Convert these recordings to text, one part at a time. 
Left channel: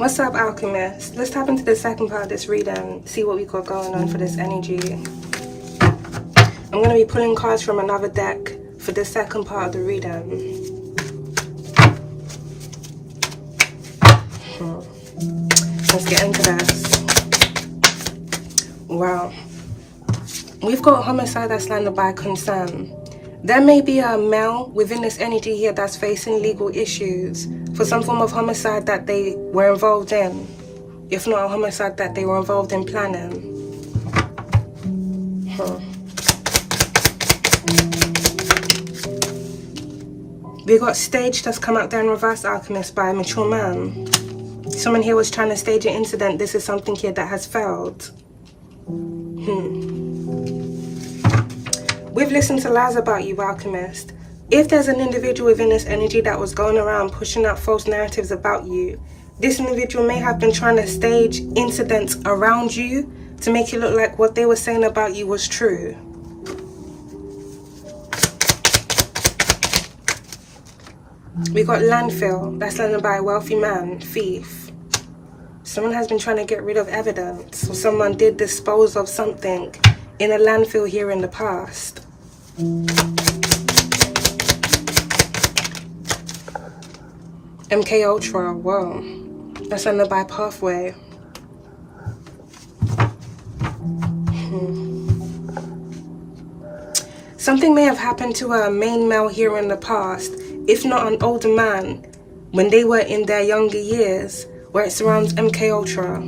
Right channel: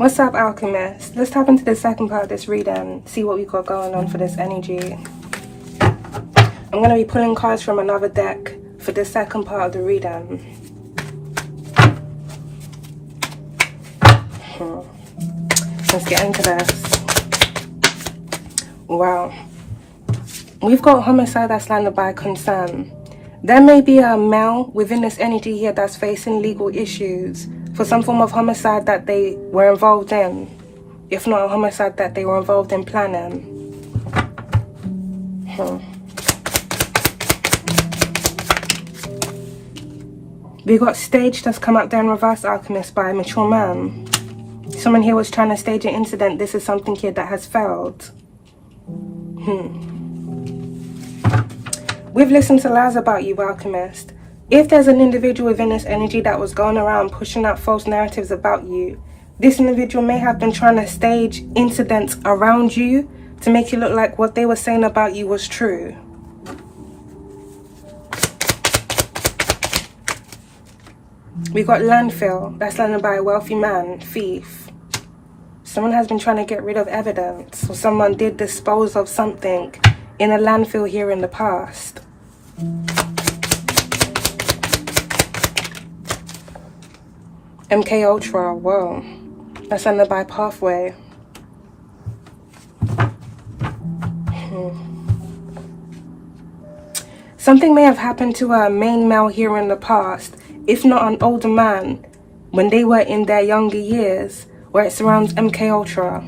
What's up, Alchemist? Let's tap into the second part of this reading, see what we got going on for this energy. I'm going to be pulling cards from another deck for the second part of the reading. Let's get into this. Wow. We've got homicide that's landed by consent. There may be a male within this energy here that's facing legal issues for some form of homicide that they were involved in. If not a homicide that they were involved in planning. We got staged that's come out there in reverse, Alchemist, by a mature man. Someone here was trying to stage an incident. This is something here that has failed. We've listened to lies about you, Alchemist. If there's an individual within this energy that was going around pushing out false narratives about you, this individual may have been trying to stage incidents around you to make it look like what they were saying about you was true. We got landfill, that's landed by a wealthy man, thief. Someone has been trying to get rid of evidence, or someone did dispose of something in a landfill here in the past. MK Ultra, whoa. That's landed by pathway. Something may have happened to a main male here in the past, if not an older man, when they were in their younger years, where it surrounds MK Ultra.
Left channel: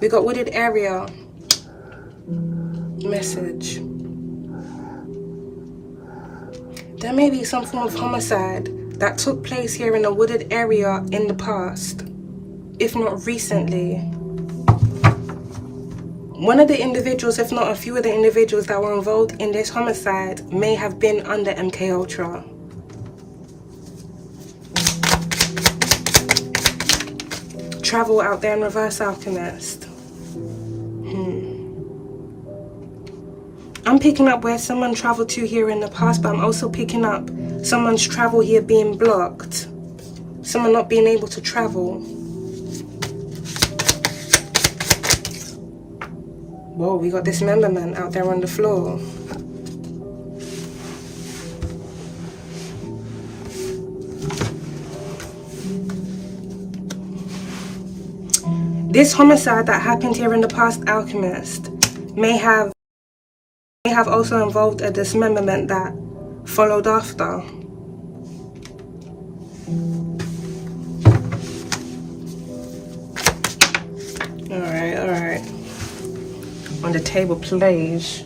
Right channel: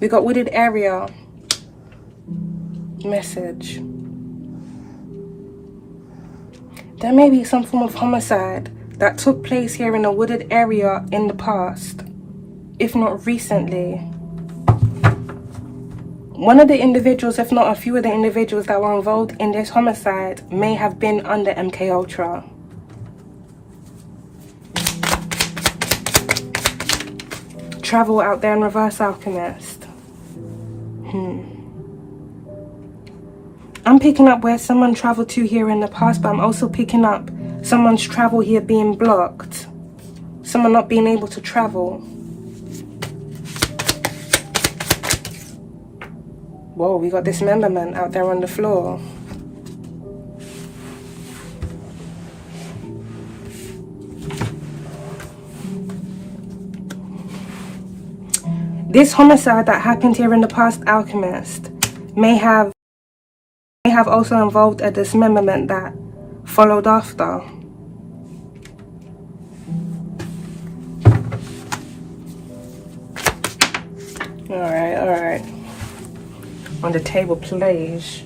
We got wooded area. Message. There may be some form of homicide that took place here in a wooded area in the past, if not recently. One of the individuals, if not a few of the individuals that were involved in this homicide, may have been under MK Ultra. Travel out there in reverse, Alchemist. I'm picking up where someone traveled to here in the past, but I'm also picking up someone's travel here being blocked. Someone not being able to travel. Whoa, we got dismemberment out there on the floor. This homicide that happened here in the past, Alchemist, may have also involved a dismemberment that followed after. Alright. On the table, please.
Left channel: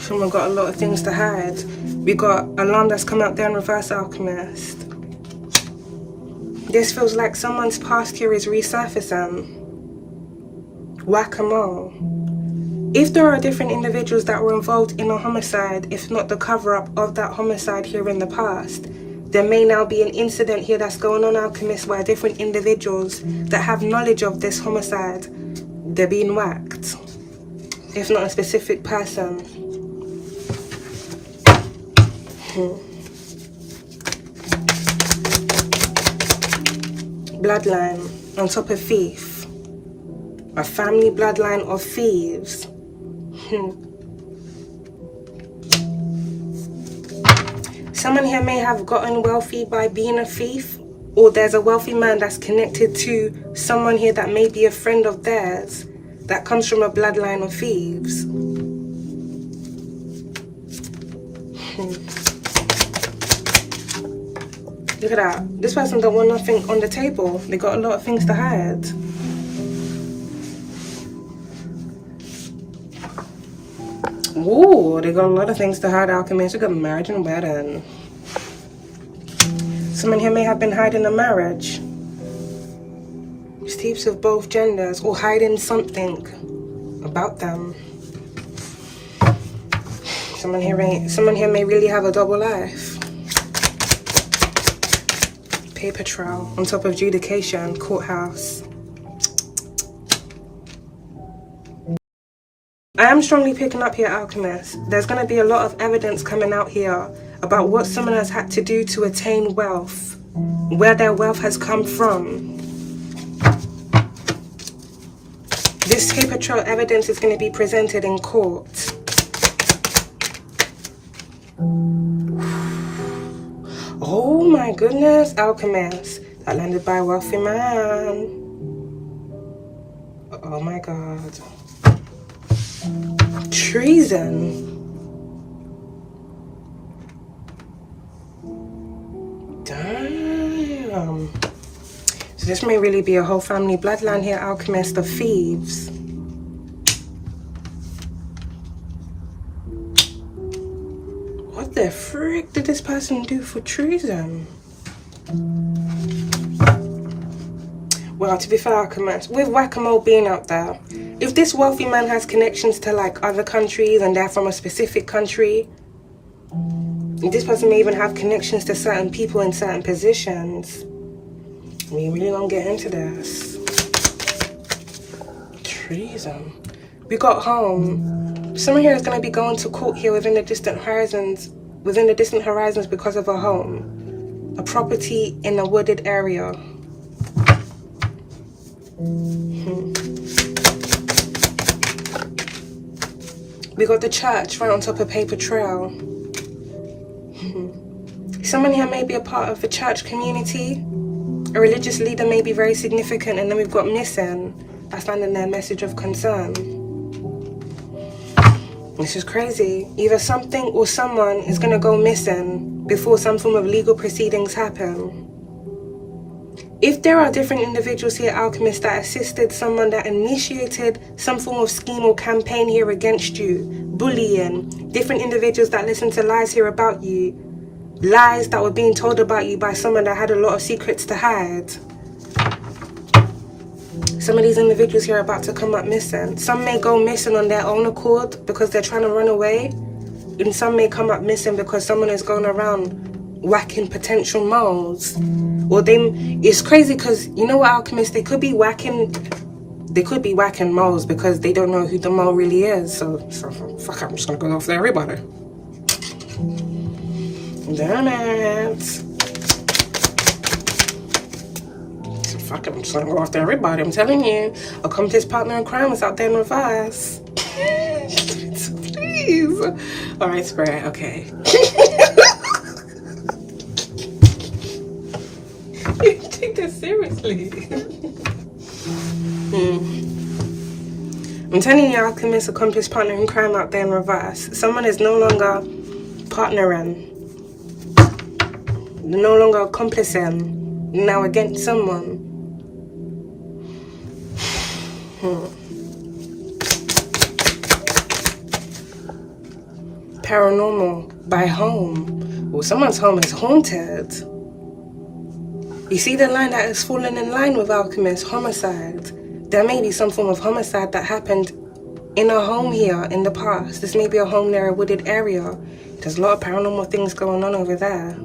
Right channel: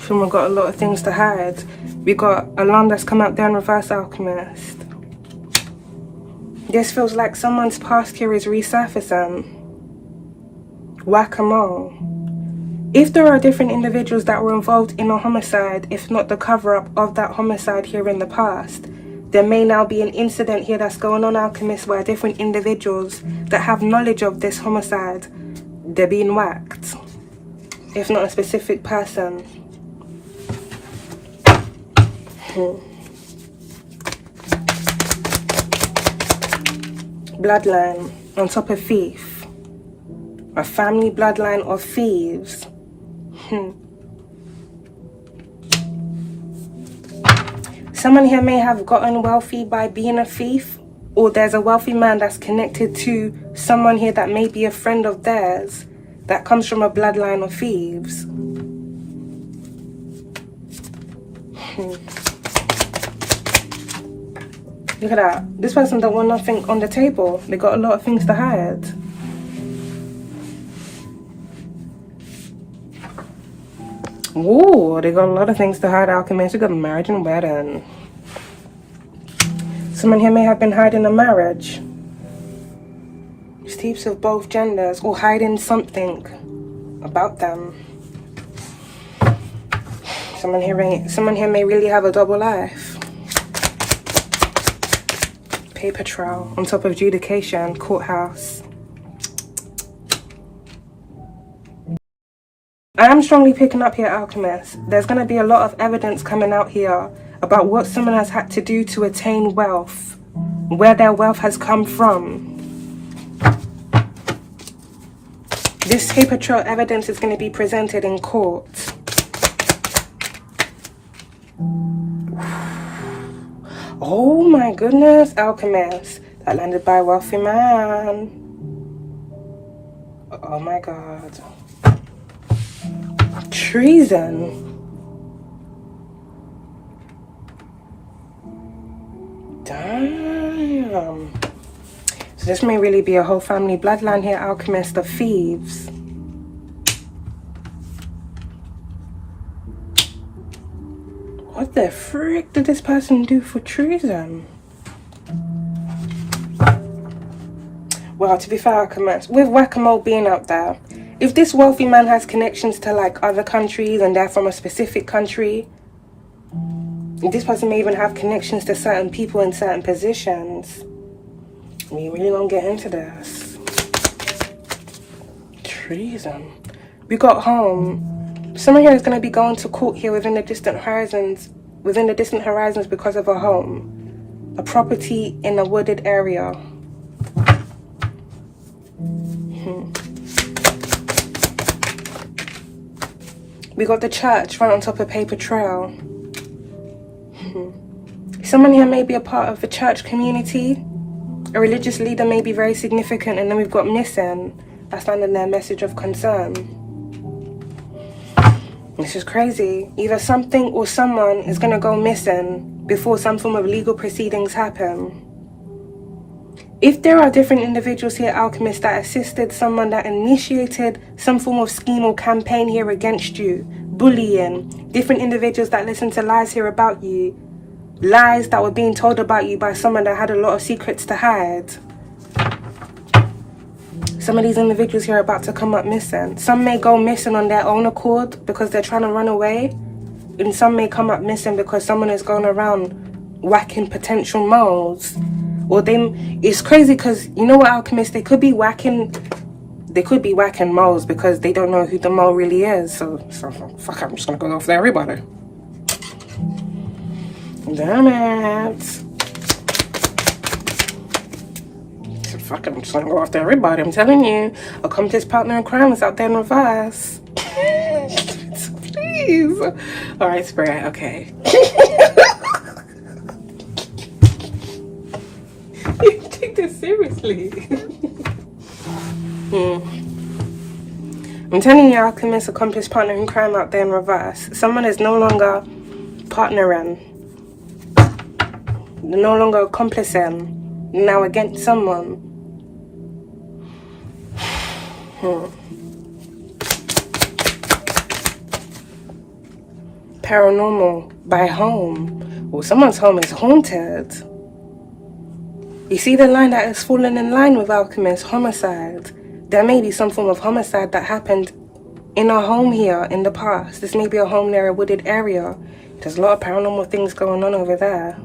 Someone got a lot of things to hide. We got alarm that's come out there in reverse, Alchemist. This feels like someone's past here is resurfacing. Whack-a-mole. If there are different individuals that were involved in a homicide, if not the cover-up of that homicide here in the past, there may now be an incident here that's going on, Alchemist, where different individuals that have knowledge of this homicide, they're being whacked. If not a specific person. Bloodline on top of thief. A family bloodline of thieves. Someone here may have gotten wealthy by being a thief, or there's a wealthy man that's connected to someone here that may be a friend of theirs that comes from a bloodline of thieves. Look at that. This person don't want nothing on the table. They got a lot of things to hide. Ooh, they got a lot of things to hide, Alchemist. We got marriage and wedding. Someone here may have been hiding a marriage. Thieves of both genders, or hiding something about them. Someone here may really have a double life. Paper trail on top of adjudication, courthouse. I am strongly picking up here, Alchemist. There's going to be a lot of evidence coming out here about what someone has had to do to attain wealth, where their wealth has come from. This paper trail evidence is going to be presented in court. Oh my goodness, Alchemist. That landed by a wealthy man. Oh my god. Treason. Damn. So this may really be a whole family bloodline here, Alchemist, of thieves. What the frick did this person do for treason? Well, to be fair, Alchemist, with whack-a-mole being out there, if this wealthy man has connections to like other countries and they're from a specific country, this person may even have connections to certain people in certain positions. We really gonna get into this. Treason. We got home. Someone here is gonna be going to court here within the distant horizons because of a home. A property in a wooded area. We got the church right on top of paper trail. Someone here may be a part of the church community. A religious leader may be very significant, and then we've got missing. I found in their message of concern. This is crazy. Either something or someone is going to go missing before some form of legal proceedings happen. If there are different individuals here, Alchemist, that assisted someone that initiated some form of scheme or campaign here against you, bullying, different individuals that listen to lies here about you, lies that were being told about you by someone that had a lot of secrets to hide. Some of these individuals here are about to come up missing. Some may go missing on their own accord because they're trying to run away, and some may come up missing because someone is going around whacking potential moles. Or it's crazy because, you know what, Alchemist, they could be whacking moles because they don't know who the mole really is. So fuck, I'm just gonna go after everybody. Damn it. So fuck it, I'm just gonna go after everybody. I'm telling you, accomplice, partner in crime is out there in reverse. Please. Alright, Spirit, okay. Take this seriously. I'm telling you, Alchemist, accomplice, partner in crime out there in reverse. Someone is no longer partnering, no longer accomplacing, now against someone. Paranormal by home. Well, someone's home is haunted. You see the line that has fallen in line with Alchemist, homicide. There may be some form of homicide that happened in a home here in the past. This may be a home near a wooded area. There's a lot of paranormal things going on over there.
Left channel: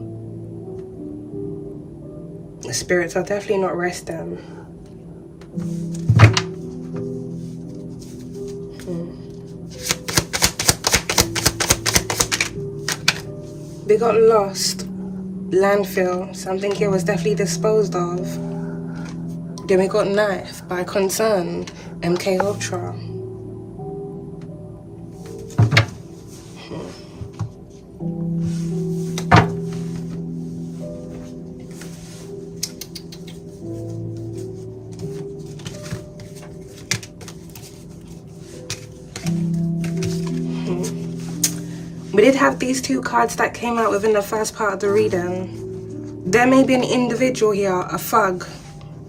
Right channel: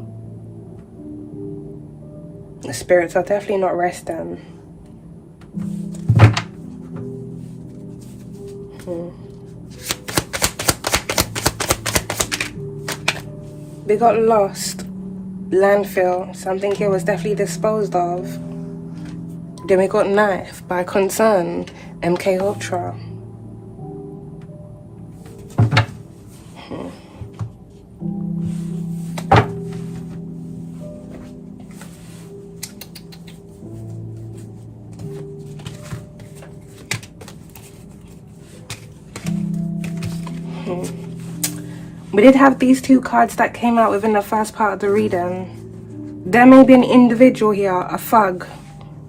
The spirits are definitely not resting. We got lost. Landfill. Something here was definitely disposed of. Then we got knife by concern. MK Ultra. We did have these two cards that came out within the first part of the reading. There may be an individual here, a thug,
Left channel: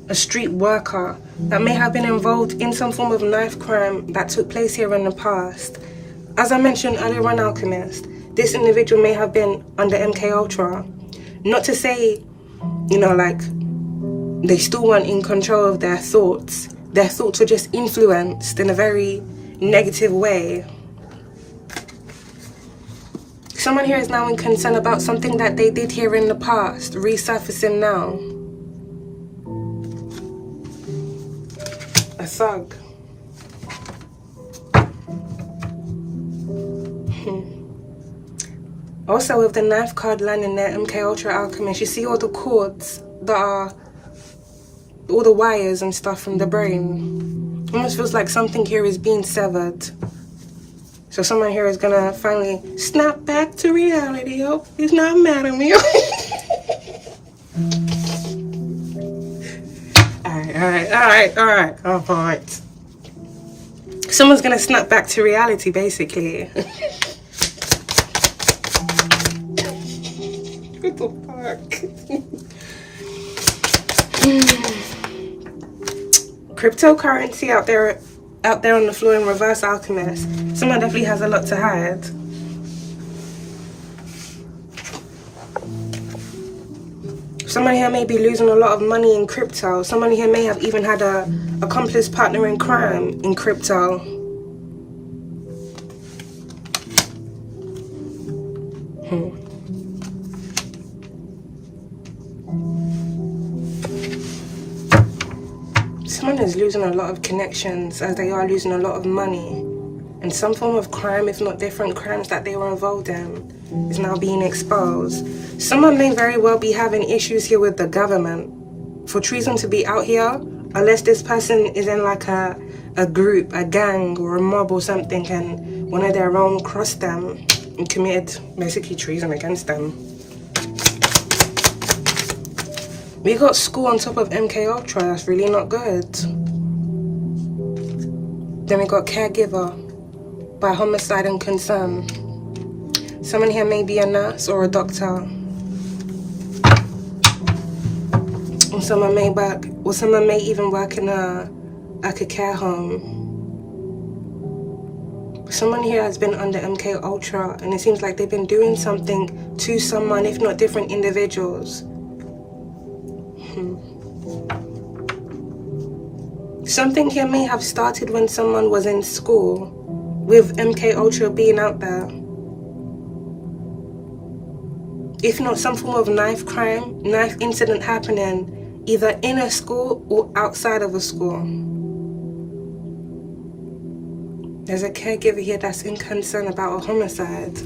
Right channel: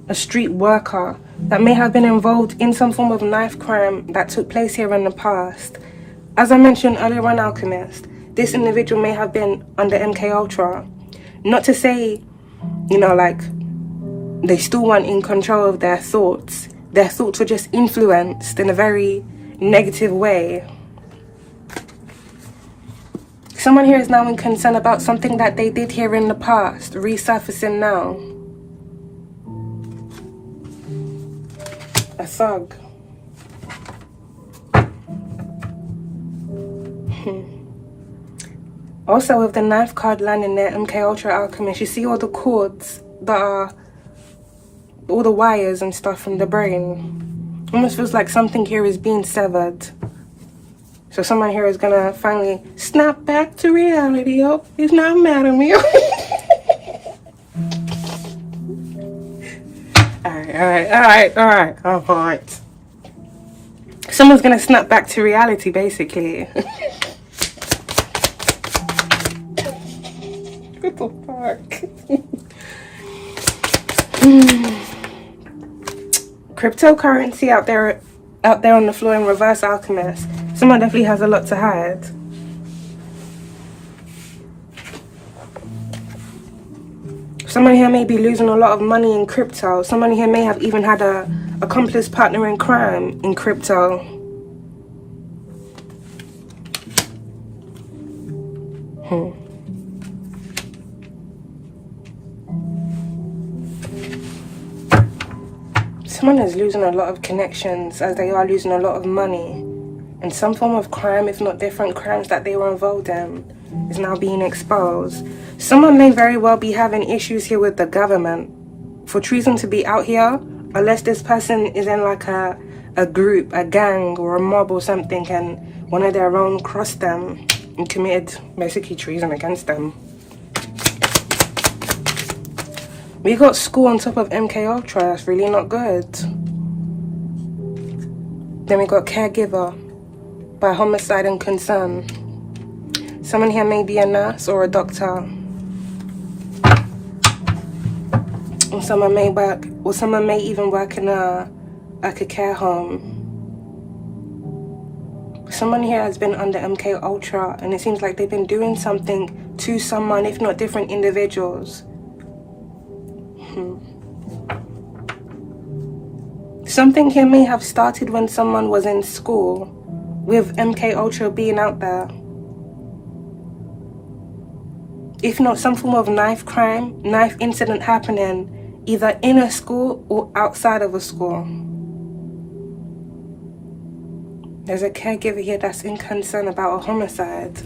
a street worker, that may have been involved in some form of knife crime that took place here in the past. As I mentioned earlier on, Alchemist, this individual may have been under MK Ultra. Not to say, you know, like, they still weren't in control of their thoughts. Their thoughts were just influenced in a very negative way. Someone here is now in concern about something that they did here in the past, resurfacing now. A thug. Also, with the knife card landing there, MK Ultra Alchemist, you see all the cords that are, all the wires and stuff from the brain. Almost feels like something here is being severed. So someone here is gonna finally snap back to reality. Oh, he's not mad at me. Alright. Someone's gonna snap back to reality, basically. What the fuck? Cryptocurrency out there on the floor in reverse, Alchemist. Someone definitely has a lot to hide. Someone here may be losing a lot of money in crypto. Someone here may have even had a accomplice partner in crime in crypto. Someone is losing a lot of connections as they are losing a lot of money. And some form of crime, if not different crimes that they were involved in, is now being exposed. Someone may very well be having issues here with the government. For treason to be out here, unless this person is in like a group, a gang or a mob or something, and one of their own crossed them and committed basically treason against them. We got school on top of MK Ultra. That's really not good. Then we got caregiver by homicide and concern. Someone here may be a nurse or a doctor. And someone may work, or someone may even work in a care home. Someone here has been under MK Ultra, and it seems like they've been doing something to someone, if not different individuals. Something here may have started when someone was in school, with MK Ultra being out there. If not some form of knife crime, knife incident happening, either in a school or outside of a school. There's a caregiver here that's in concern about a homicide.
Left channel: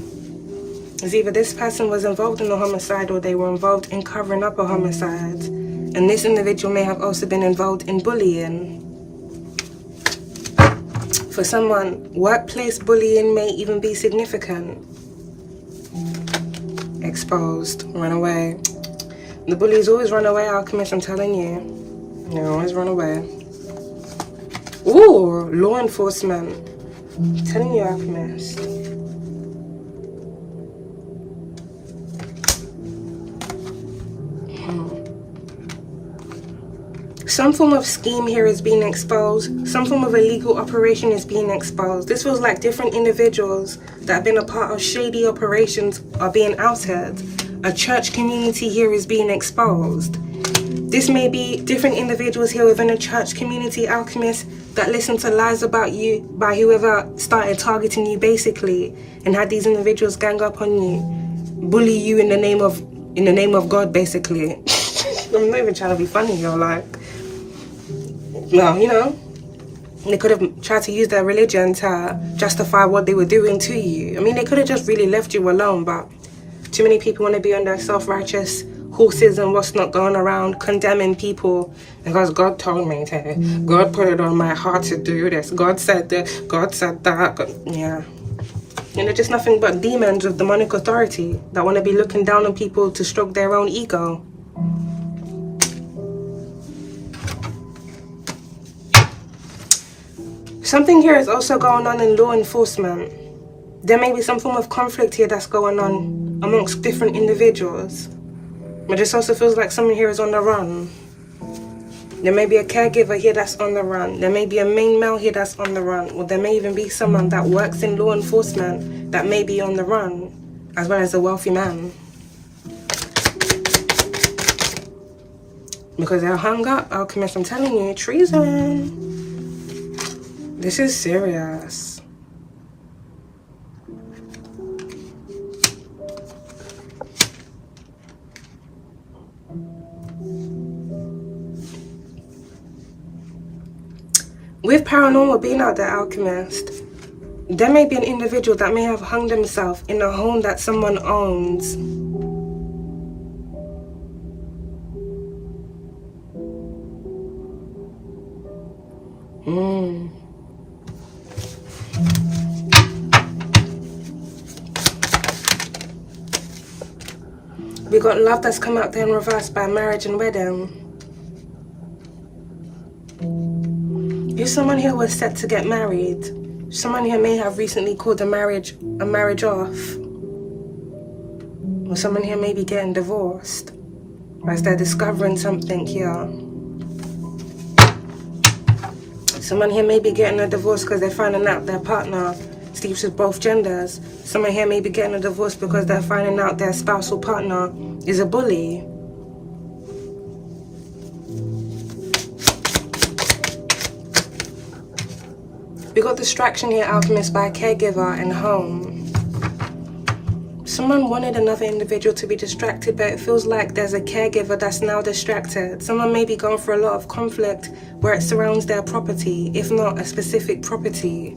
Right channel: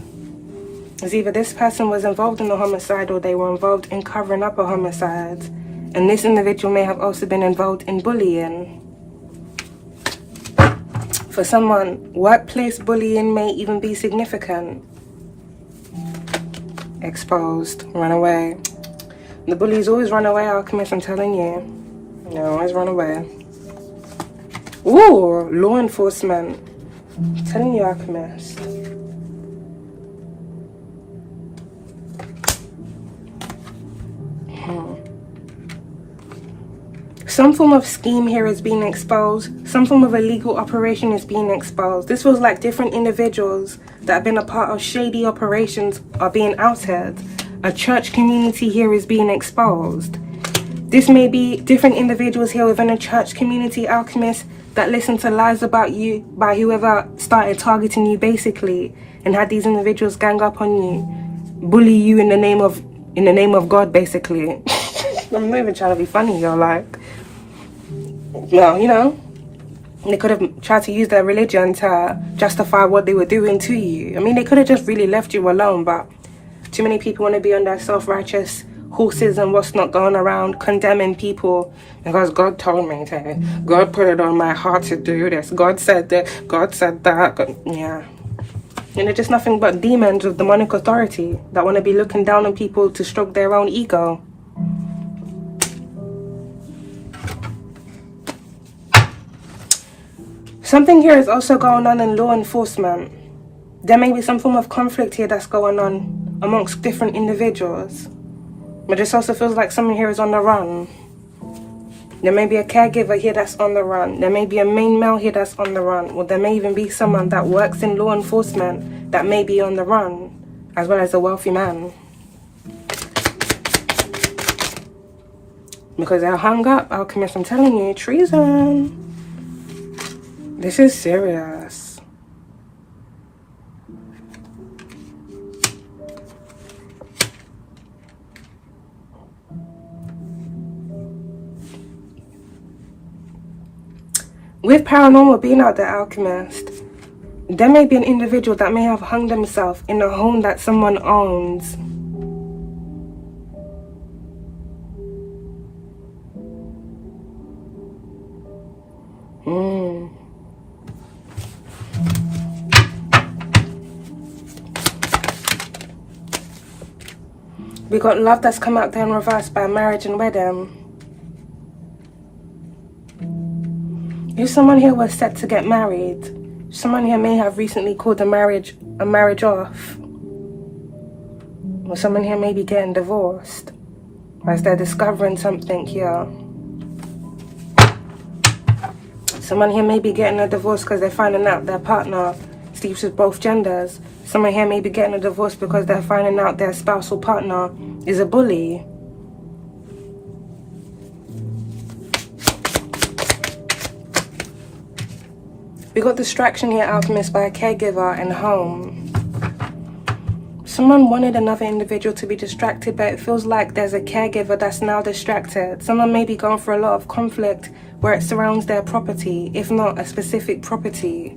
It's either this person was involved in a homicide or they were involved in covering up a homicide. And this individual may have also been involved in bullying. For someone, workplace bullying may even be significant. Exposed, run away. The bullies always run away, Alchemist, I'm telling you. They always run away. Ooh, law enforcement. I'm telling you, Alchemist. Some form of scheme here is being exposed. Some form of illegal operation is being exposed. This feels like different individuals that have been a part of shady operations are being outed. A church community here is being exposed. This may be different individuals here within a church community, Alchemist, that listen to lies about you by whoever started targeting you basically, and had these individuals gang up on you, bully you in the name of God basically. I'm not even trying to be funny, you're like. Well, you know, they could have tried to use their religion to justify what they were doing to you. I mean, they could have just really left you alone, but too many people want to be on their self-righteous horses and what's not going around condemning people because God told me to. God put it on my heart to do this. God said that. God said that. God, yeah. And they're just nothing but demons of demonic authority that want to be looking down on people to stroke their own ego. Something here is also going on in law enforcement. There may be some form of conflict here that's going on amongst different individuals. But this also feels like someone here is on the run. There may be a caregiver here that's on the run. There may be a main male here that's on the run. Or there may even be someone that works in law enforcement that may be on the run, as well as a wealthy man. Because they're hung up, Alchemist, I'm telling you, treason. This is serious. With paranormal being out there, Alchemist, There may be an individual that may have hung themselves in a home that someone owns. We got love that's come out there in reverse by marriage and wedding. If someone here was set to get married, someone here may have recently called a marriage off. Or someone here may be getting divorced as they're discovering something here. Someone here may be getting a divorce because they're finding out their partner sleeps with both genders. Someone here may be getting a divorce because they're finding out their spousal partner is a bully. We got distraction here, Alchemist, by a caregiver and home. Someone wanted another individual to be distracted, but it feels like there's a caregiver that's now distracted. Someone may be going through a lot of conflict where it surrounds their property, if not a specific property.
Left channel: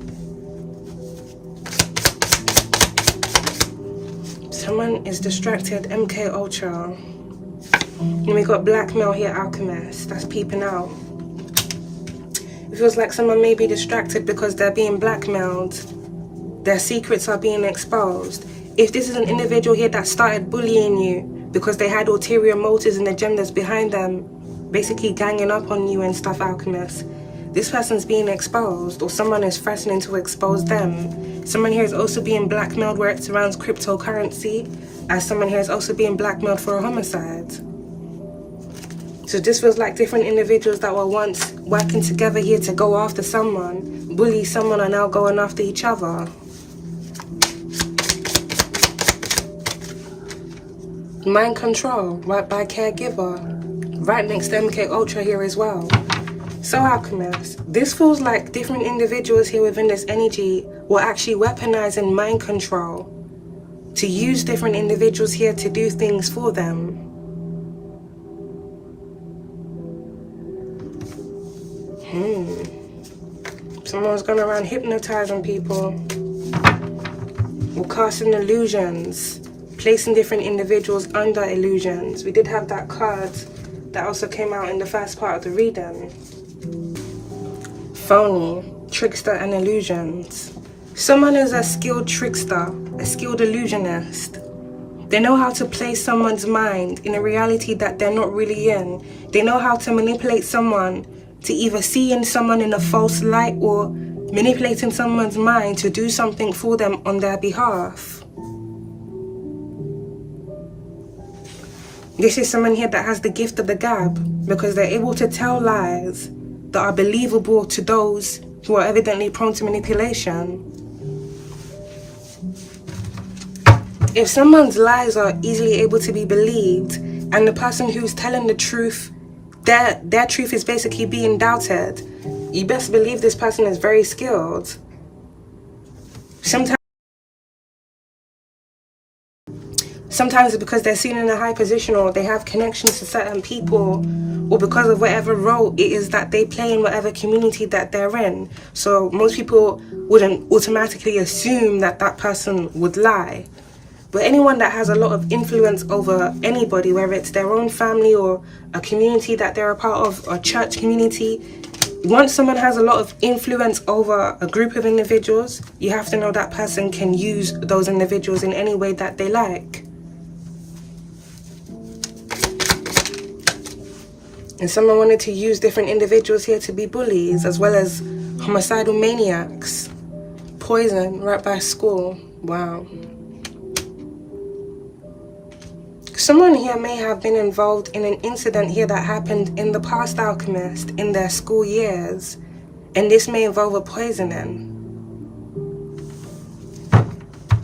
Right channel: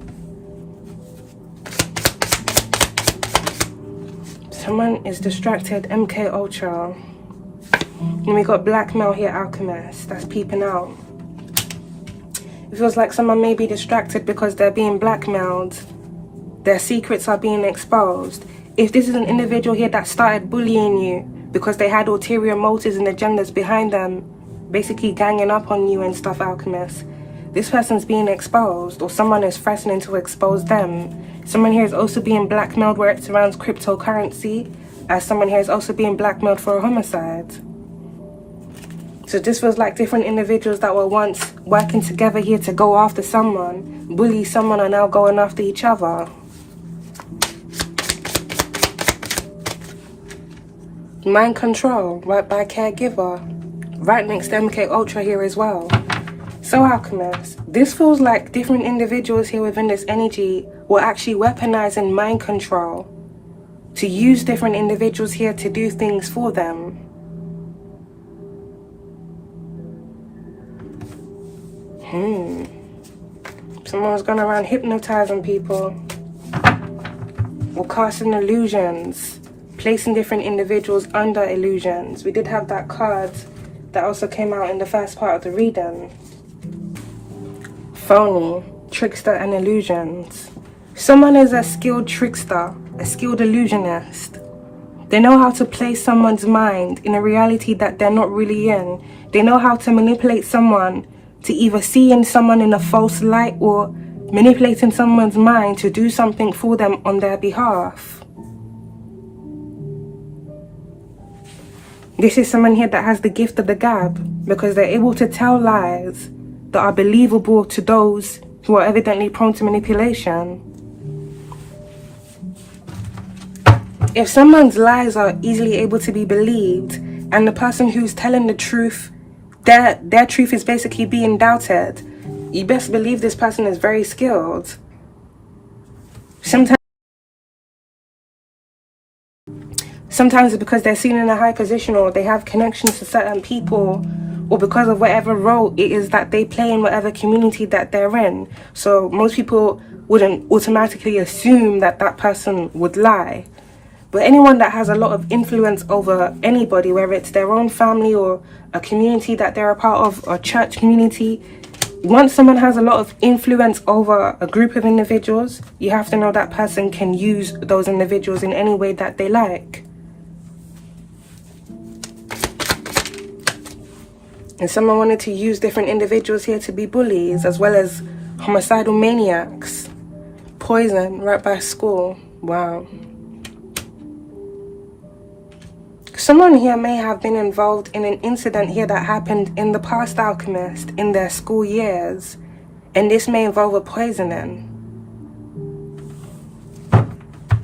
Someone is distracted, MK Ultra. And we got Blackmail here, Alchemist, that's peeping out. It feels like someone may be distracted because they're being blackmailed. Their secrets are being exposed. If this is an individual here that started bullying you because they had ulterior motives and agendas behind them, basically ganging up on you and stuff, Alchemist, this person's being exposed, or someone is threatening to expose them. Someone here is also being blackmailed where it surrounds cryptocurrency, as someone here is also being blackmailed for a homicide. So this was like different individuals that were once working together here to go after someone, bully someone, are now going after each other. Mind control, right by caregiver, right next to MK Ultra here as well. So Alchemist, this feels like different individuals here within this energy were actually weaponizing mind control to use different individuals here to do things for them. Someone was going around hypnotizing people or casting illusions, placing different individuals under illusions. We did have that card that also came out in the first part of the reading. Phony, trickster and illusions. Someone is a skilled trickster, a skilled illusionist. They know how to place someone's mind in a reality that they're not really in. They know how to manipulate someone to either see in someone in a false light or manipulating someone's mind to do something for them on their behalf. This is someone here that has the gift of the gab because they're able to tell lies that are believable to those who are evidently prone to manipulation. If someone's lies are easily able to be believed and the person who's telling the truth, their truth is basically being doubted, you best believe this person is very skilled. Sometimes it's because they're seen in a high position or they have connections to certain people, or because of whatever role it is that they play in whatever community that they're in. So most people wouldn't automatically assume that that person would lie. But anyone that has a lot of influence over anybody, whether it's their own family or a community that they're a part of, or church community, once someone has a lot of influence over a group of individuals, you have to know that person can use those individuals in any way that they like. And someone wanted to use different individuals here to be bullies, as well as homicidal maniacs. Poison right by school. Wow. Someone here may have been involved in an incident here that happened in the past, Alchemist, in their school years. And this may involve a poisoning.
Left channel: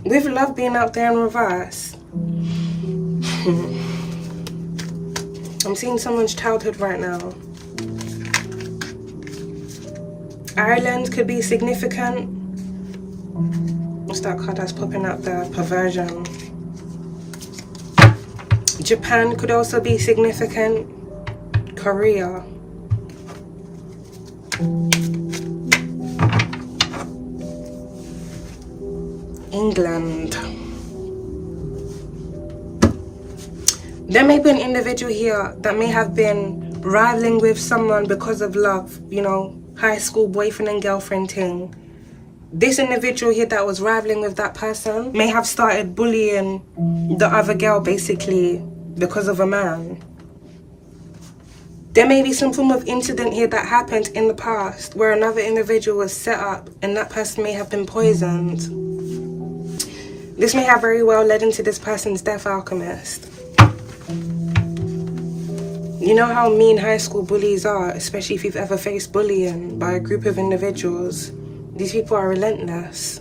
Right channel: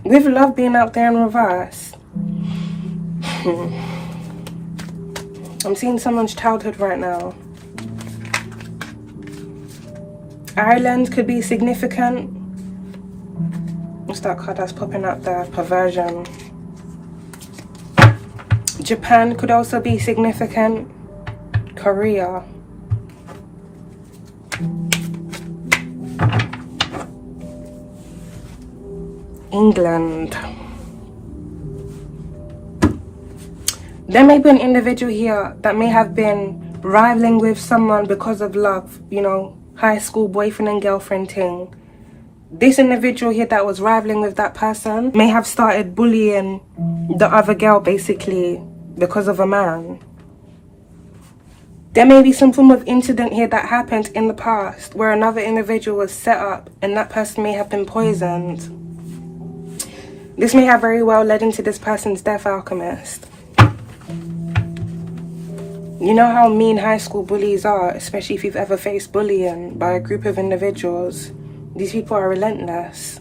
With love being out there in reverse. I'm seeing someone's childhood right now. Ireland could be significant. What's that card that's popping up there? Perversion. Japan could also be significant. Korea. England. There may be an individual here that may have been rivaling with someone because of love, you know, high school boyfriend and girlfriend thing. This individual here that was rivaling with that person may have started bullying the other girl basically because of a man. There may be some form of incident here that happened in the past where another individual was set up and that person may have been poisoned. This may have very well led into this person's death, Alchemist. You know how mean high school bullies are, especially if you've ever faced bullying by a group of individuals. These people are relentless.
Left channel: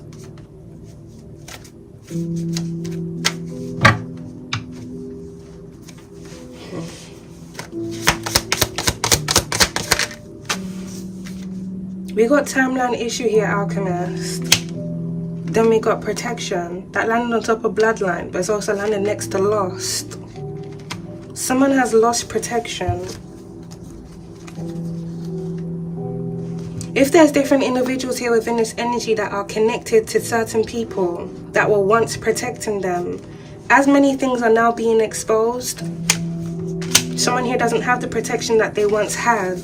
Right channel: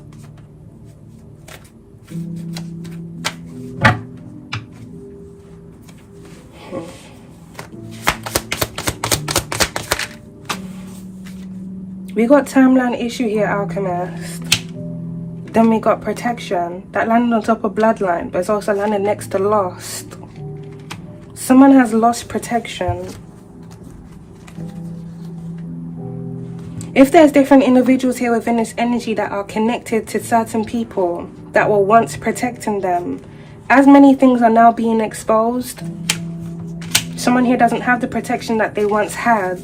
We got timeline issue here, Alchemist. Then we got protection. That landed on top of bloodline, but it's also landed next to lost. Someone has lost protection. If there's different individuals here within this energy that are connected to certain people that were once protecting them, as many things are now being exposed, someone here doesn't have the protection that they once had.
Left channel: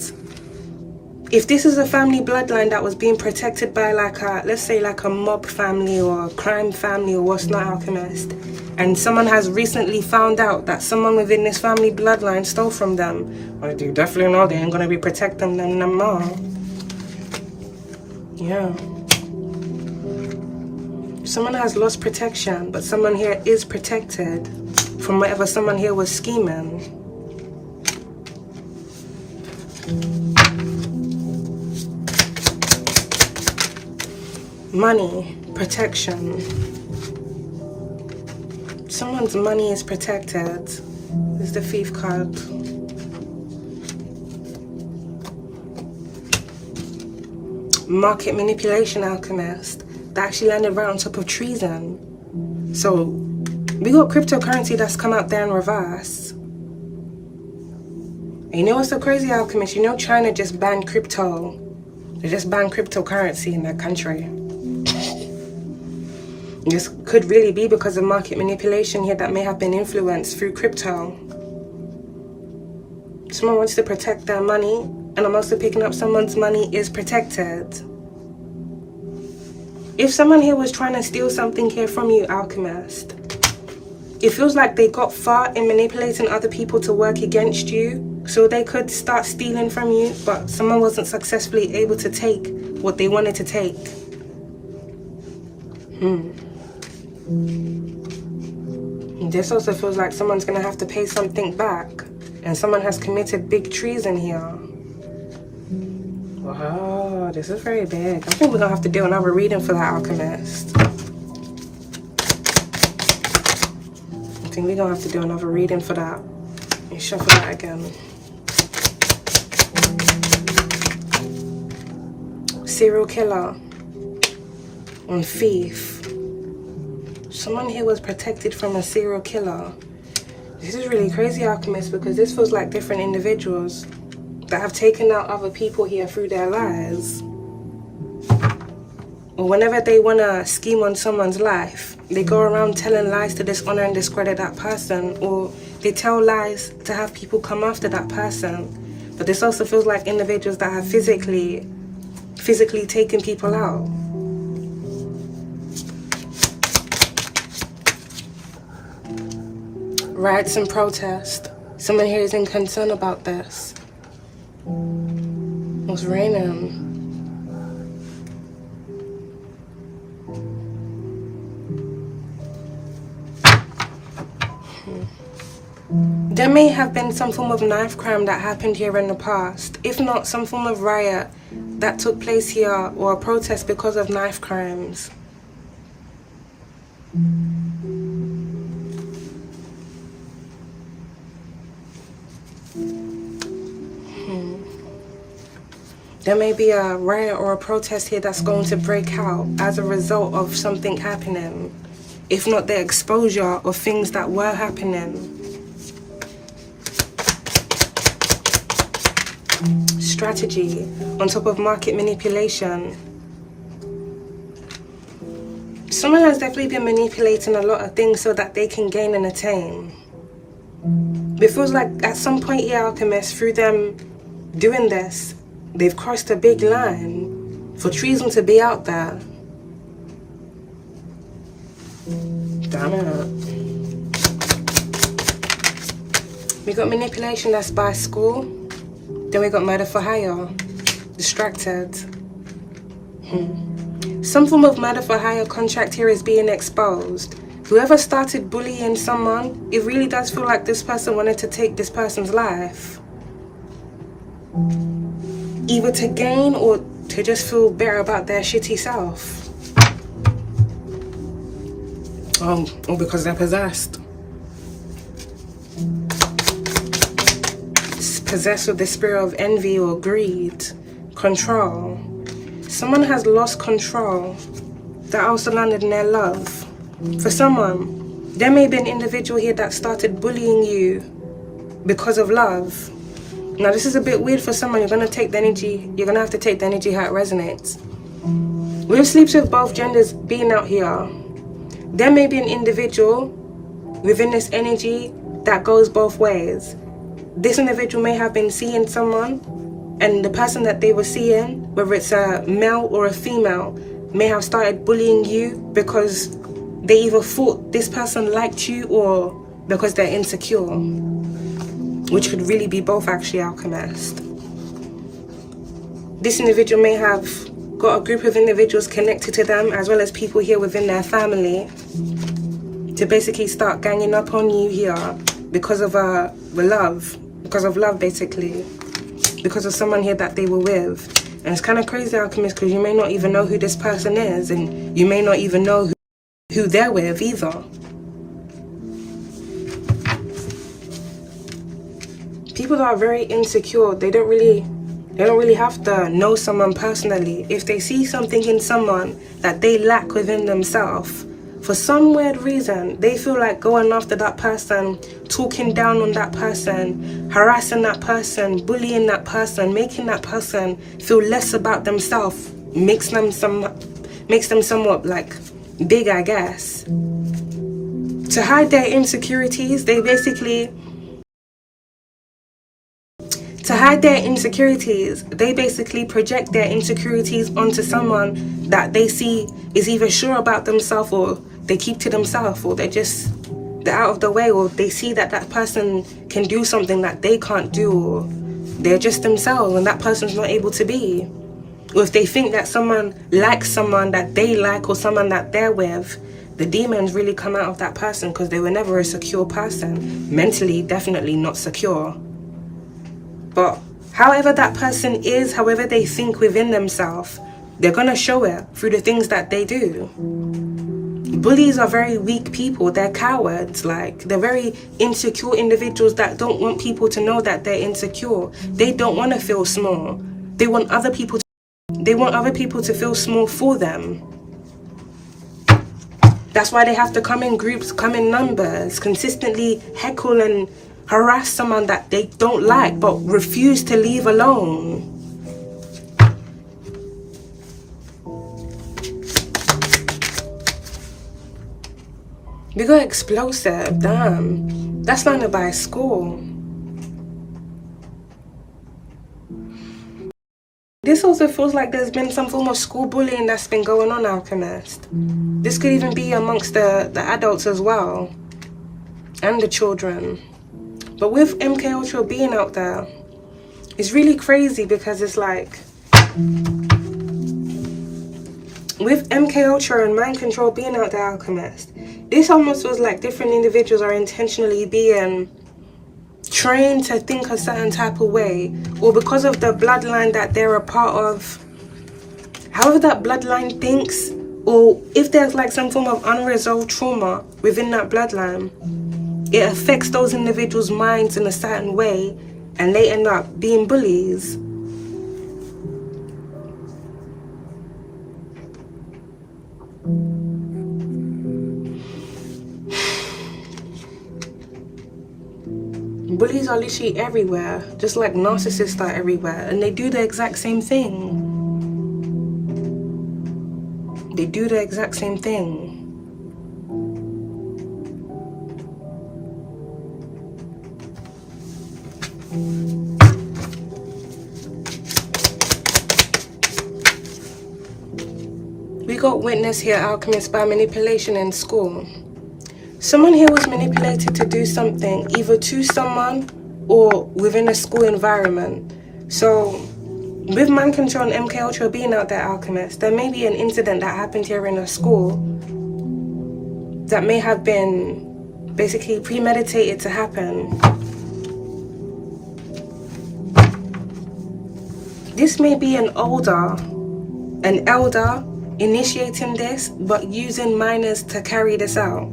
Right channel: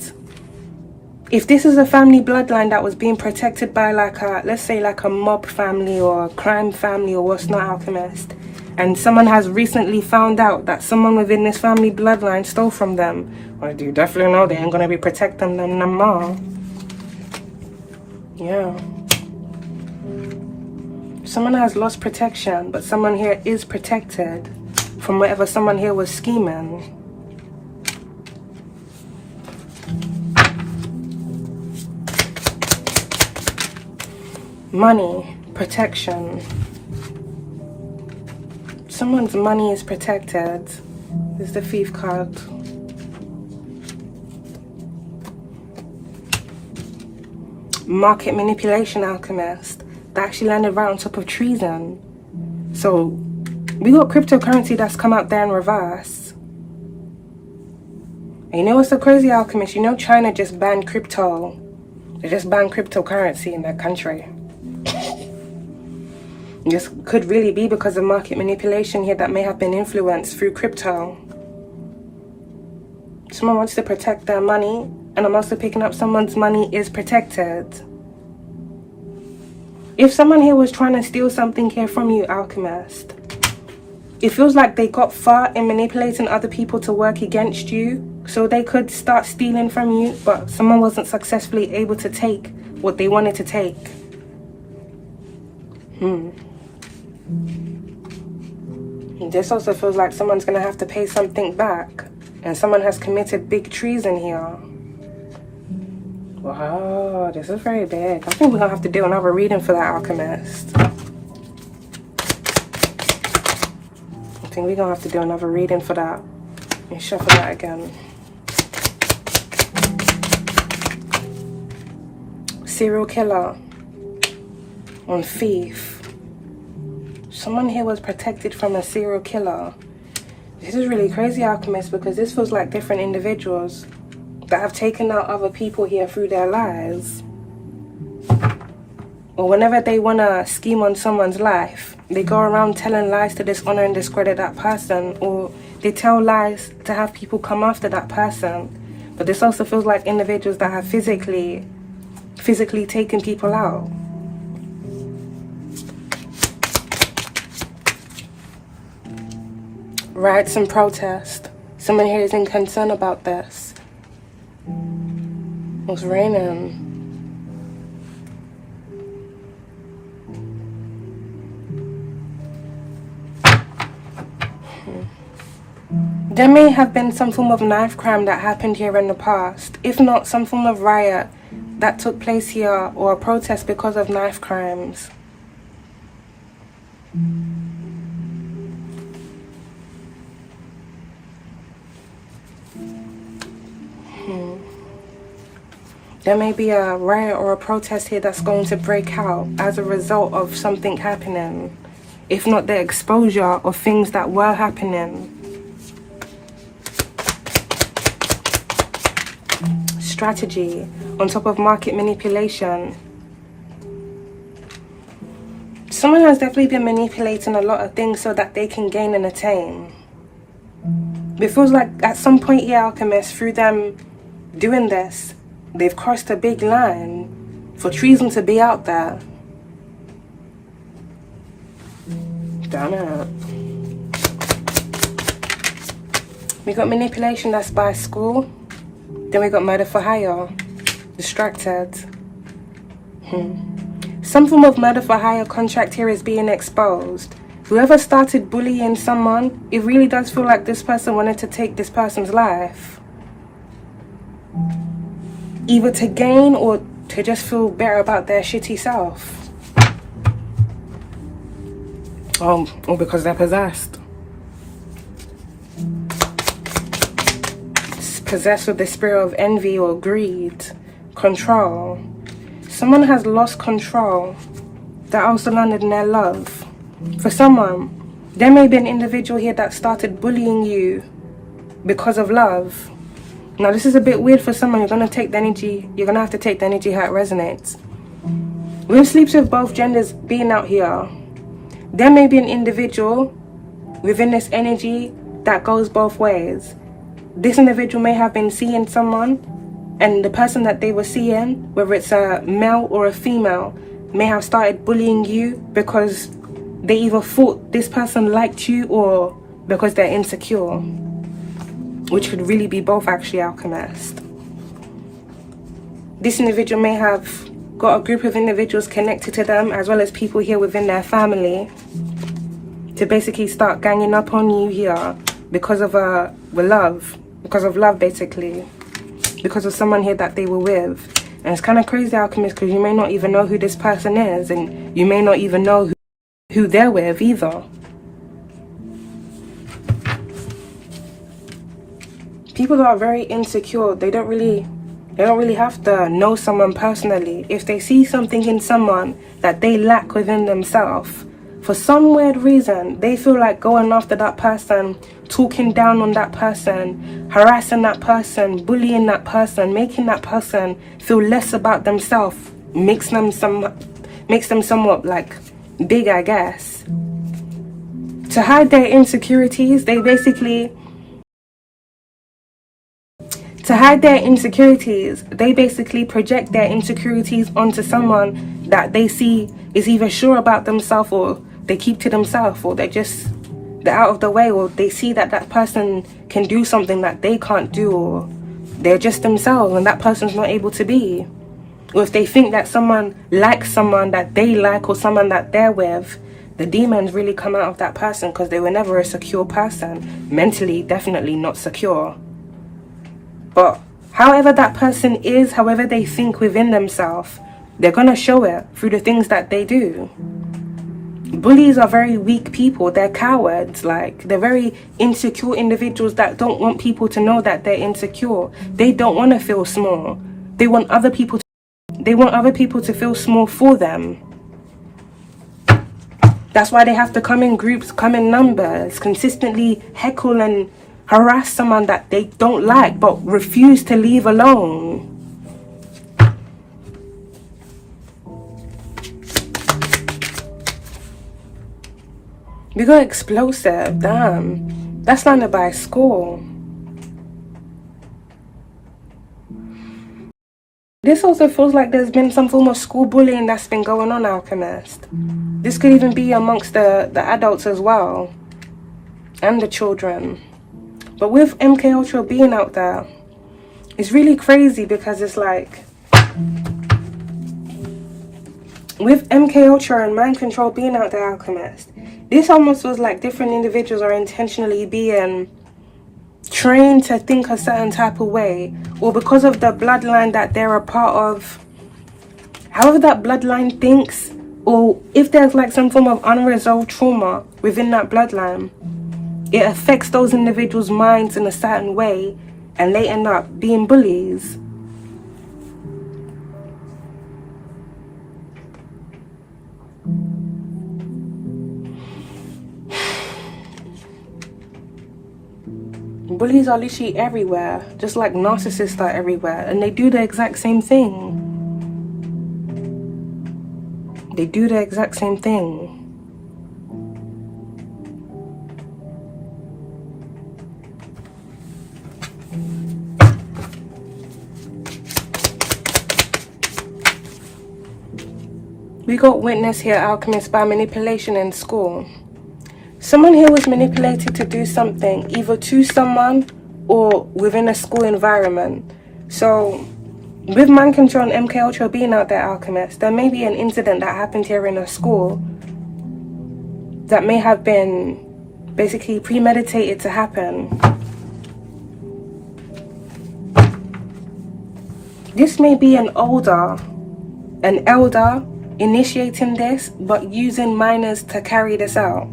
If this is a family bloodline that was being protected by like a, let's say like a mob family or a crime family or what's not, Alchemist, and someone has recently found out that someone within this family bloodline stole from them, well, you definitely know they ain't gonna be protecting them no more. Yeah. Someone has lost protection, but someone here is protected from whatever someone here was scheming. Money, protection. Someone's money is protected. This is the Thief card. Market manipulation, Alchemist. That actually landed right on top of Treason. So we got cryptocurrency that's come out there in reverse. And you know what's so crazy, Alchemist? You know China just banned crypto. They just banned cryptocurrency in their country. This could really be because of market manipulation here that may have been influenced through crypto. Someone wants to protect their money, and I'm also picking up someone's money is protected. If someone here was trying to steal something here from you, Alchemist, it feels like they got far in manipulating other people to work against you so they could start stealing from you, but someone wasn't successfully able to take what they wanted to take. This also feels like someone's gonna have to pay something back, and someone has committed big treason here. Wow, this is very big. I think we're gonna have to do another reading for that, Alchemist. I think we're gonna have to do another reading for that. Let me shuffle that again. Serial killer on thief. Someone here was protected from a serial killer. This is really crazy, Alchemist, because this feels like different individuals that have taken out other people here through their lies. Or whenever they want to scheme on someone's life, they go around telling lies to dishonor and discredit that person, or they tell lies to have people come after that person. But this also feels like individuals that have physically taken people out. Riots and protest. Someone here is in concern about this. It's raining. There may have been some form of knife crime that happened here in the past. If not, some form of riot that took place here, or a protest because of knife crimes. There may be a riot or a protest here that's going to break out as a result of something happening, if not the exposure of things that were happening. Strategy on top of market manipulation. Someone has definitely been manipulating a lot of things so that they can gain and attain. It feels like at some point here, Alchemist, through them doing this, they've crossed a big line for treason to be out there. Damn it. We got manipulation, that's by school. Then we got murder for hire. Distracted. Some form of murder for hire contract here is being exposed. Whoever started bullying someone, it really does feel like this person wanted to take this person's life. Either to gain or to just feel better about their shitty self. Or because they're possessed. Possessed with the spirit of envy or greed. Control. Someone has lost control that also landed in their love. For someone, there may be an individual here that started bullying you because of love. Now this is a bit weird for someone. You're gonna have to take the energy how it resonates. With sleeps with both genders being out here, there may be an individual within this energy that goes both ways. This individual may have been seeing someone, and the person that they were seeing, whether it's a male or a female, may have started bullying you because they either thought this person liked you or because they're insecure. Which could really be both, actually, Alchemist. This individual may have got a group of individuals connected to them, as well as people here within their family, to basically start ganging up on you here because of love. Because of love, basically. Because of someone here that they were with. And it's kind of crazy, Alchemist, because you may not even know who this person is, and you may not even know who they're with either. People that are very insecure, they don't really have to know someone personally. If they see something in someone that they lack within themselves, for some weird reason, they feel like going after that person, talking down on that person, harassing that person, bullying that person, making that person feel less about themselves, makes them somewhat like big, I guess. To hide their insecurities, they basically project their insecurities onto someone that they see is either sure about themselves, or they keep to themselves, or they're out of the way, or they see that that person can do something that they can't do, or they're just themselves and that person's not able to be. Or if they think that someone likes someone that they like, or someone that they're with, the demons really come out of that person because they were never a secure person. Mentally, definitely not secure. But however that person is, however they think within themselves, they're going to show it through the things that they do. Bullies are very weak people. They're cowards. Like, they're very insecure individuals that don't want people to know that they're insecure. They don't want to feel small. They want other people to feel small for them. That's why they have to come in groups, come in numbers, consistently heckle and harass someone that they don't like but refuse to leave alone. We got explosive, damn. That's landed by a score. This also feels like there's been some form of school bullying that's been going on, Alchemist. This could even be amongst the adults as well. And the children. But with MK Ultra being out there, it's really crazy because it's like, with MK Ultra and mind control being out there, Alchemist, this almost feels like different individuals are intentionally being trained to think a certain type of way, or because of the bloodline that they're a part of, however that bloodline thinks, or if there's like some form of unresolved trauma within that bloodline, it affects those individuals' minds in a certain way, and they end up being bullies. Bullies are literally everywhere, just like narcissists are everywhere, and they do the exact same thing. They do the exact same thing. We got witness here, alchemist, by manipulation in school. Someone here was manipulated to do something, either to someone or within a school environment. So, with mind control and MK Ultra being out there, alchemist, there may be an incident that happened here in a school that may have been basically premeditated to happen. This may be an elder initiating this, but using minors to carry this out.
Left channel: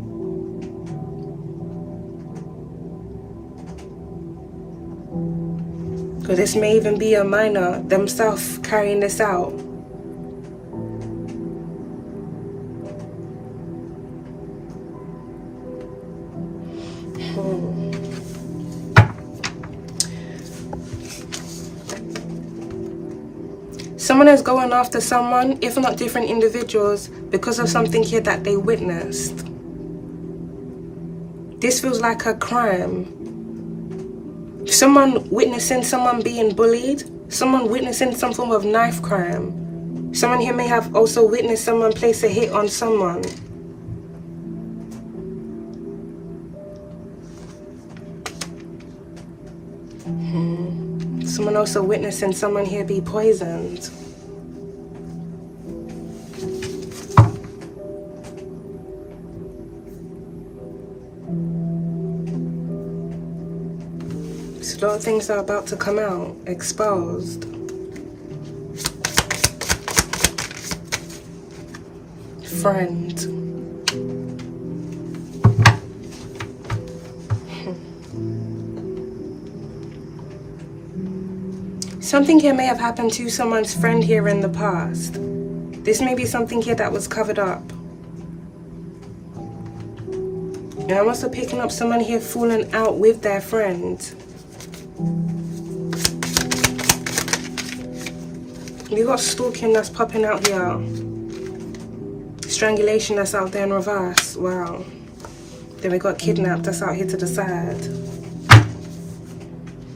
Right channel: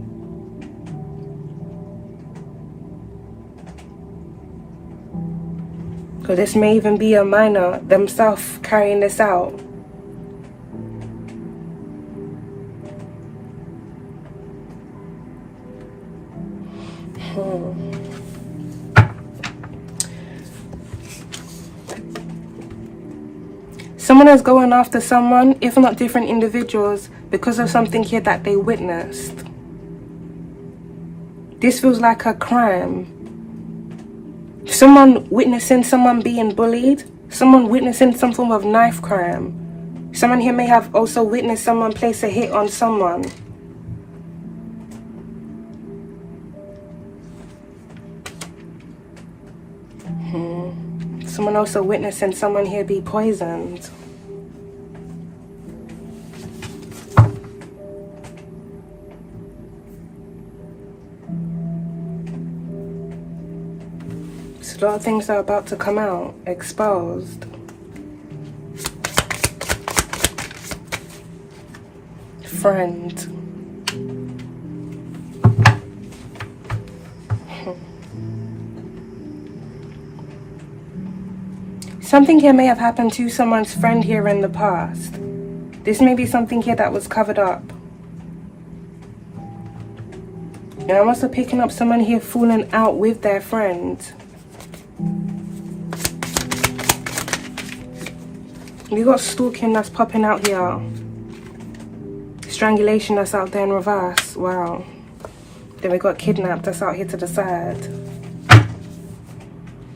Because this may even be a minor themselves carrying this out. Someone is going after someone, if not different individuals, because of something here that they witnessed. This feels like a crime. Someone witnessing someone being bullied, someone witnessing some form of knife crime. Someone here may have also witnessed someone place a hit on someone. Someone also witnessing someone here be poisoned. So a lot of things are about to come out, exposed. Friend. Something here may have happened to someone's friend here in the past. This may be something here that was covered up. And I'm also picking up someone here falling out with their friend. You got stalking that's popping out here. Strangulation that's out there in reverse. Wow. Then we got kidnapped that's out here to the side.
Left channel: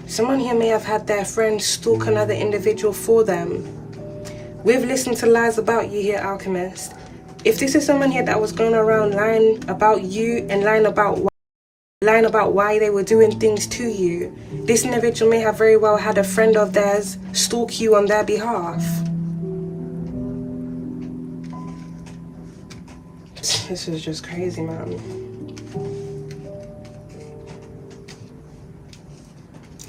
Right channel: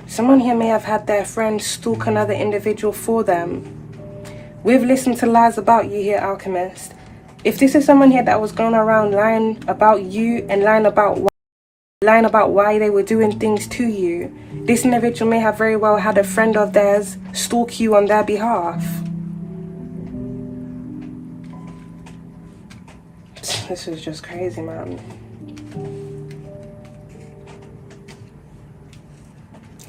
Someone here may have had their friend stalk another individual for them. We've listened to lies about you here, alchemist. If this is someone here that was going around lying about you and lying about why they were doing things to you, this individual may have very well had a friend of theirs stalk you on their behalf. This is just crazy, man.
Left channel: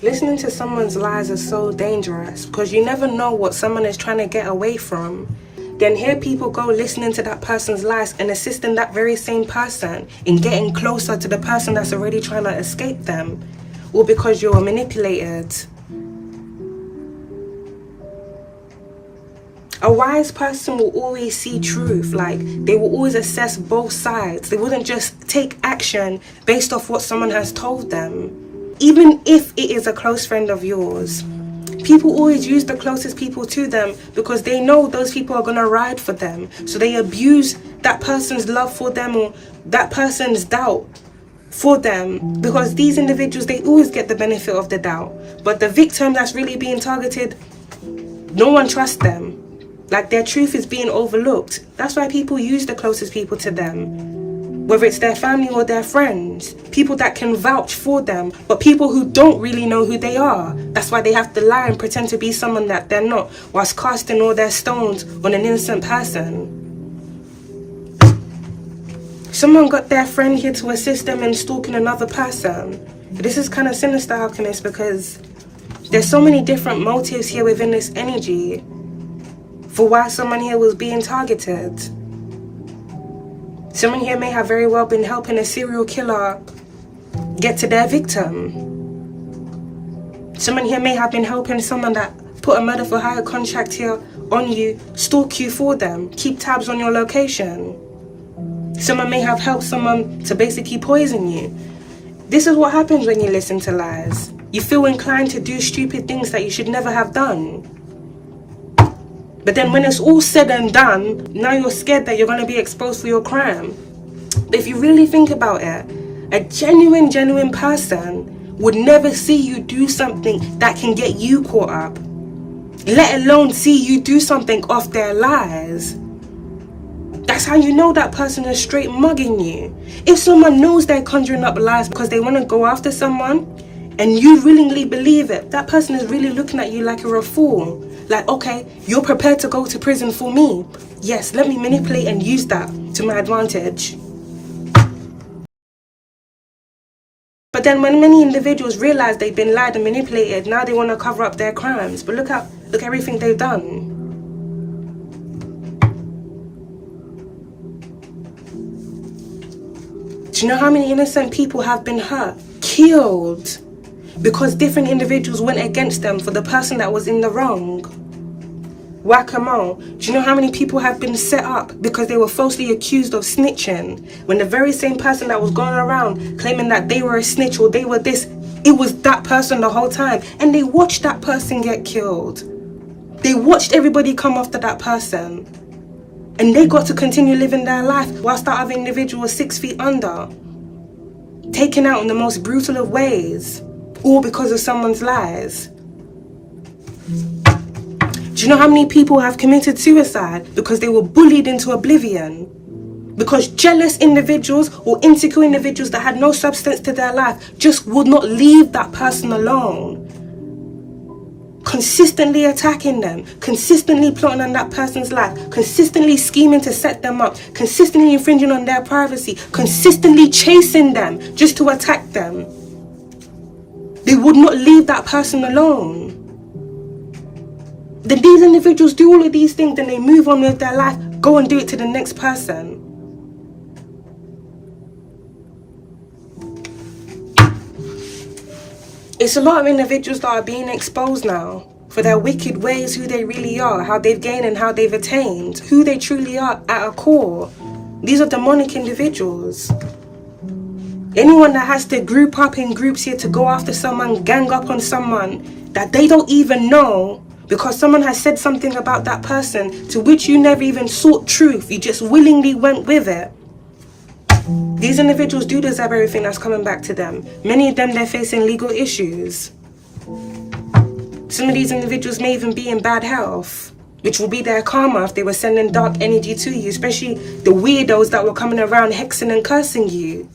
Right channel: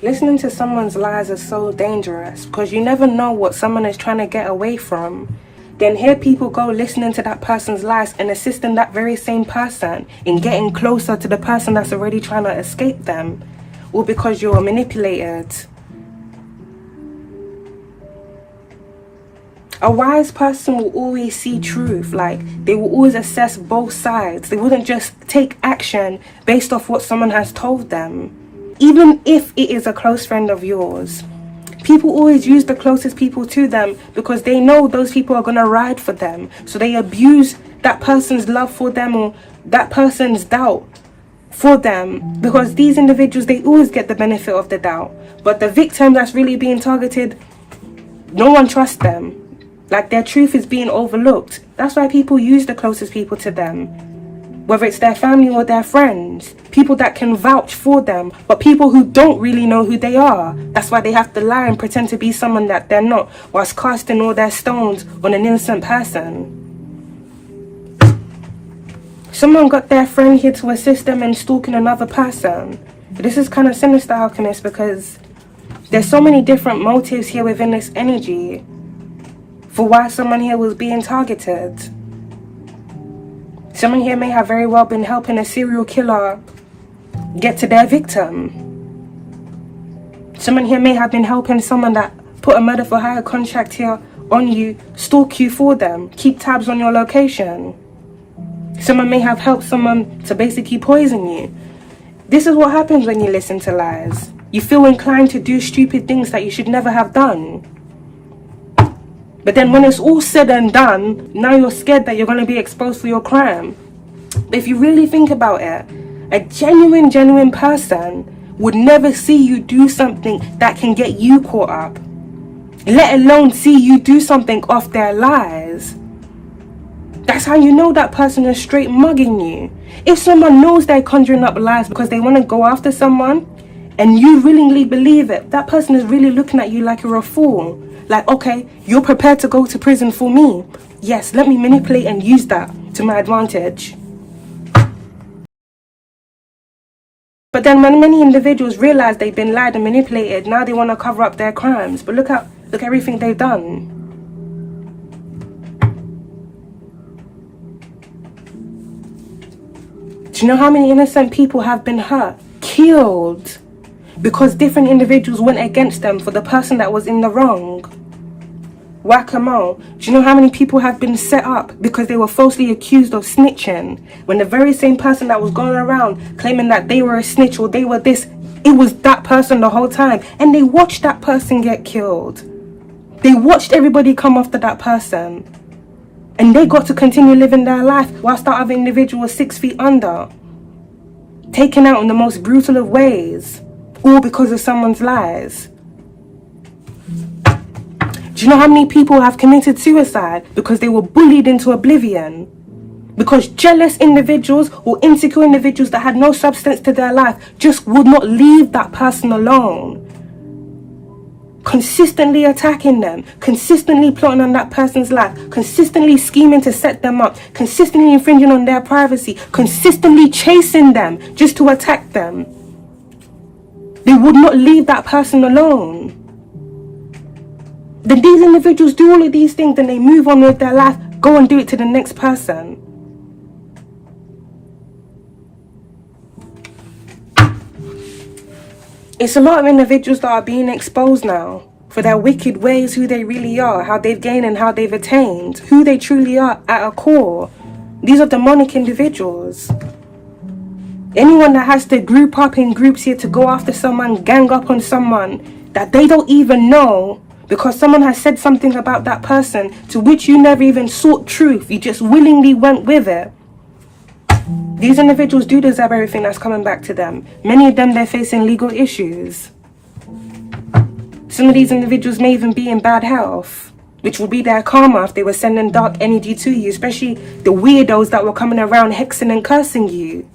Listening to someone's lies is so dangerous because you never know what someone is trying to get away from. Then here people go listening to that person's lies and assisting that very same person in getting closer to the person that's already trying to escape them. Or because you're manipulated. A wise person will always see truth. Like, they will always assess both sides. They wouldn't just take action based off what someone has told them. Even if it is a close friend of yours. People always use the closest people to them because they know those people are going to ride for them. So they abuse that person's love for them or that person's doubt for them. Because these individuals, they always get the benefit of the doubt. But the victim that's really being targeted, no one trusts them. Like, their truth is being overlooked. That's why people use the closest people to them. Whether it's their family or their friends, people that can vouch for them, but people who don't really know who they are. That's why they have to lie and pretend to be someone that they're not, whilst casting all their stones on an innocent person. Someone got their friend here to assist them in stalking another person. This is kind of sinister, alchemist, because there's so many different motives here within this energy for why someone here was being targeted. Someone here may have very well been helping a serial killer get to their victim. Someone here may have been helping someone that put a murder for hire contract here on you, stalk you for them, keep tabs on your location. Someone may have helped someone to basically poison you. This is what happens when you listen to lies. You feel inclined to do stupid things that you should never have done. But then when it's all said and done, now you're scared that you're going to be exposed for your crime. But if you really think about it, a genuine person would never see you do something that can get you caught up, let alone see you do something off their lies. That's how you know that person is straight mugging you. If someone knows they're conjuring up lies because they want to go after someone, and you willingly believe it, that person is really looking at you like you're a fool. Like, okay, you're prepared to go to prison for me. Yes, let me manipulate and use that to my advantage. But then when many individuals realize they've been lied and manipulated, now they want to cover up their crimes. But look everything they've done. Do you know how many innocent people have been hurt, killed, because different individuals went against them for the person that was in the wrong? Whack-a-mole. Do you know how many people have been set up because they were falsely accused of snitching, when the very same person that was going around claiming that they were a snitch or they were this, it was that person the whole time, and they watched that person get killed. They watched everybody come after that person, and they got to continue living their life whilst that other individual was 6 feet under, taken out in the most brutal of ways, all because of someone's lies. Do you know how many people have committed suicide because they were bullied into oblivion? Because jealous individuals or insecure individuals that had no substance to their life just would not leave that person alone. Consistently attacking them, consistently plotting on that person's life, consistently scheming to set them up, consistently infringing on their privacy, consistently chasing them just to attack them. They would not leave that person alone. Then these individuals do all of these things, then they move on with their life, go and do it to the next person. It's a lot of individuals that are being exposed now for their wicked ways, who they really are, how they've gained and how they've attained, who they truly are at a core. These are demonic individuals. Anyone that has to group up in groups here to go after someone, gang up on someone that they don't even know, because someone has said something about that person to which you never even sought truth, you just willingly went with it. These individuals do deserve everything that's coming back to them. Many of them, they're facing legal issues. Some of these individuals may even be in bad health, which will be their karma if they were sending dark energy to you, especially the weirdos that were coming around hexing and cursing you.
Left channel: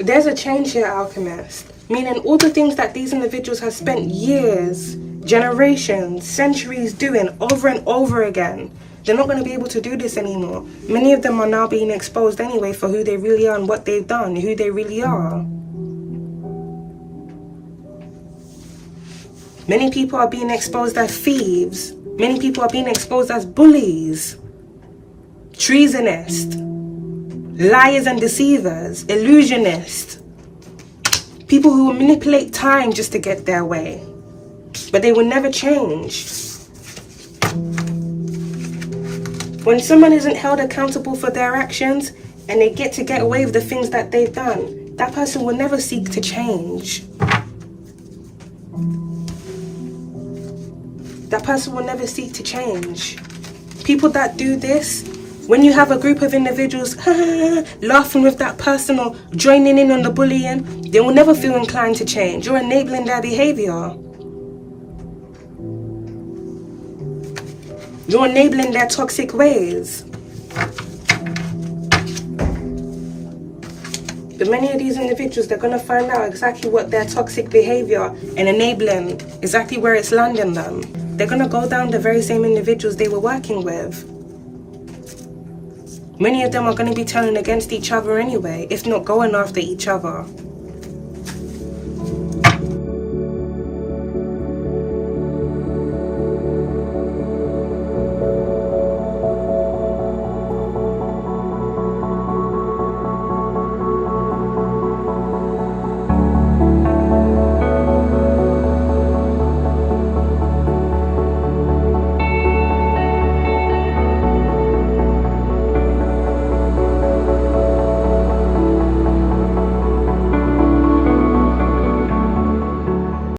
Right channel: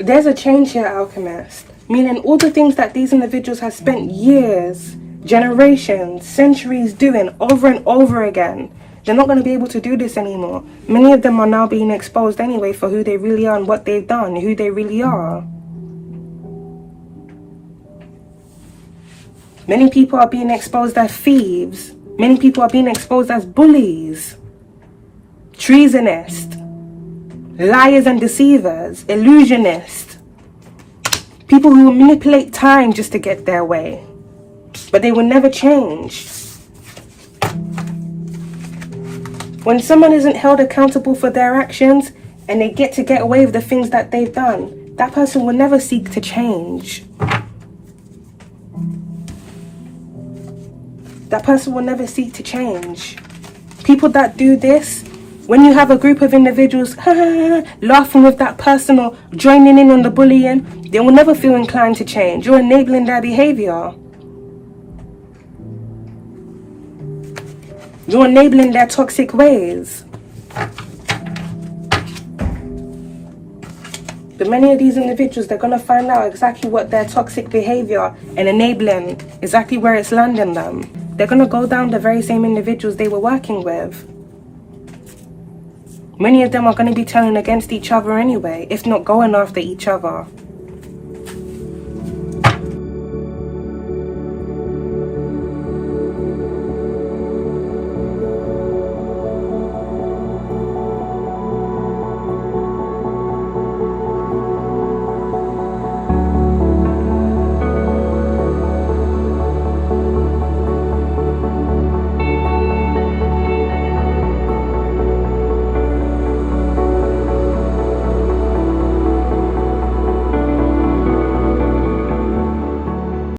There's a change here, Alchemist. Meaning all the things that these individuals have spent years, generations, centuries doing over and over again, they're not going to be able to do this anymore. Many of them are now being exposed anyway for who they really are and what they've done, who they really are. Many people are being exposed as thieves. Many people are being exposed as bullies, treasonists, liars and deceivers, illusionists, people who manipulate time just to get their way, but they will never change. When someone isn't held accountable for their actions and they get away with the things that they've done, that person will never seek to change. That person will never seek to change. People that do this, when you have a group of individuals laughing with that person or joining in on the bullying, they will never feel inclined to change. You're enabling their behavior. You're enabling their toxic ways. But many of these individuals, they're going to find out exactly what their toxic behavior and enabling, exactly where it's landing them. They're going to go down the very same individuals they were working with. Many of them are going to be turning against each other anyway, if not going after each other.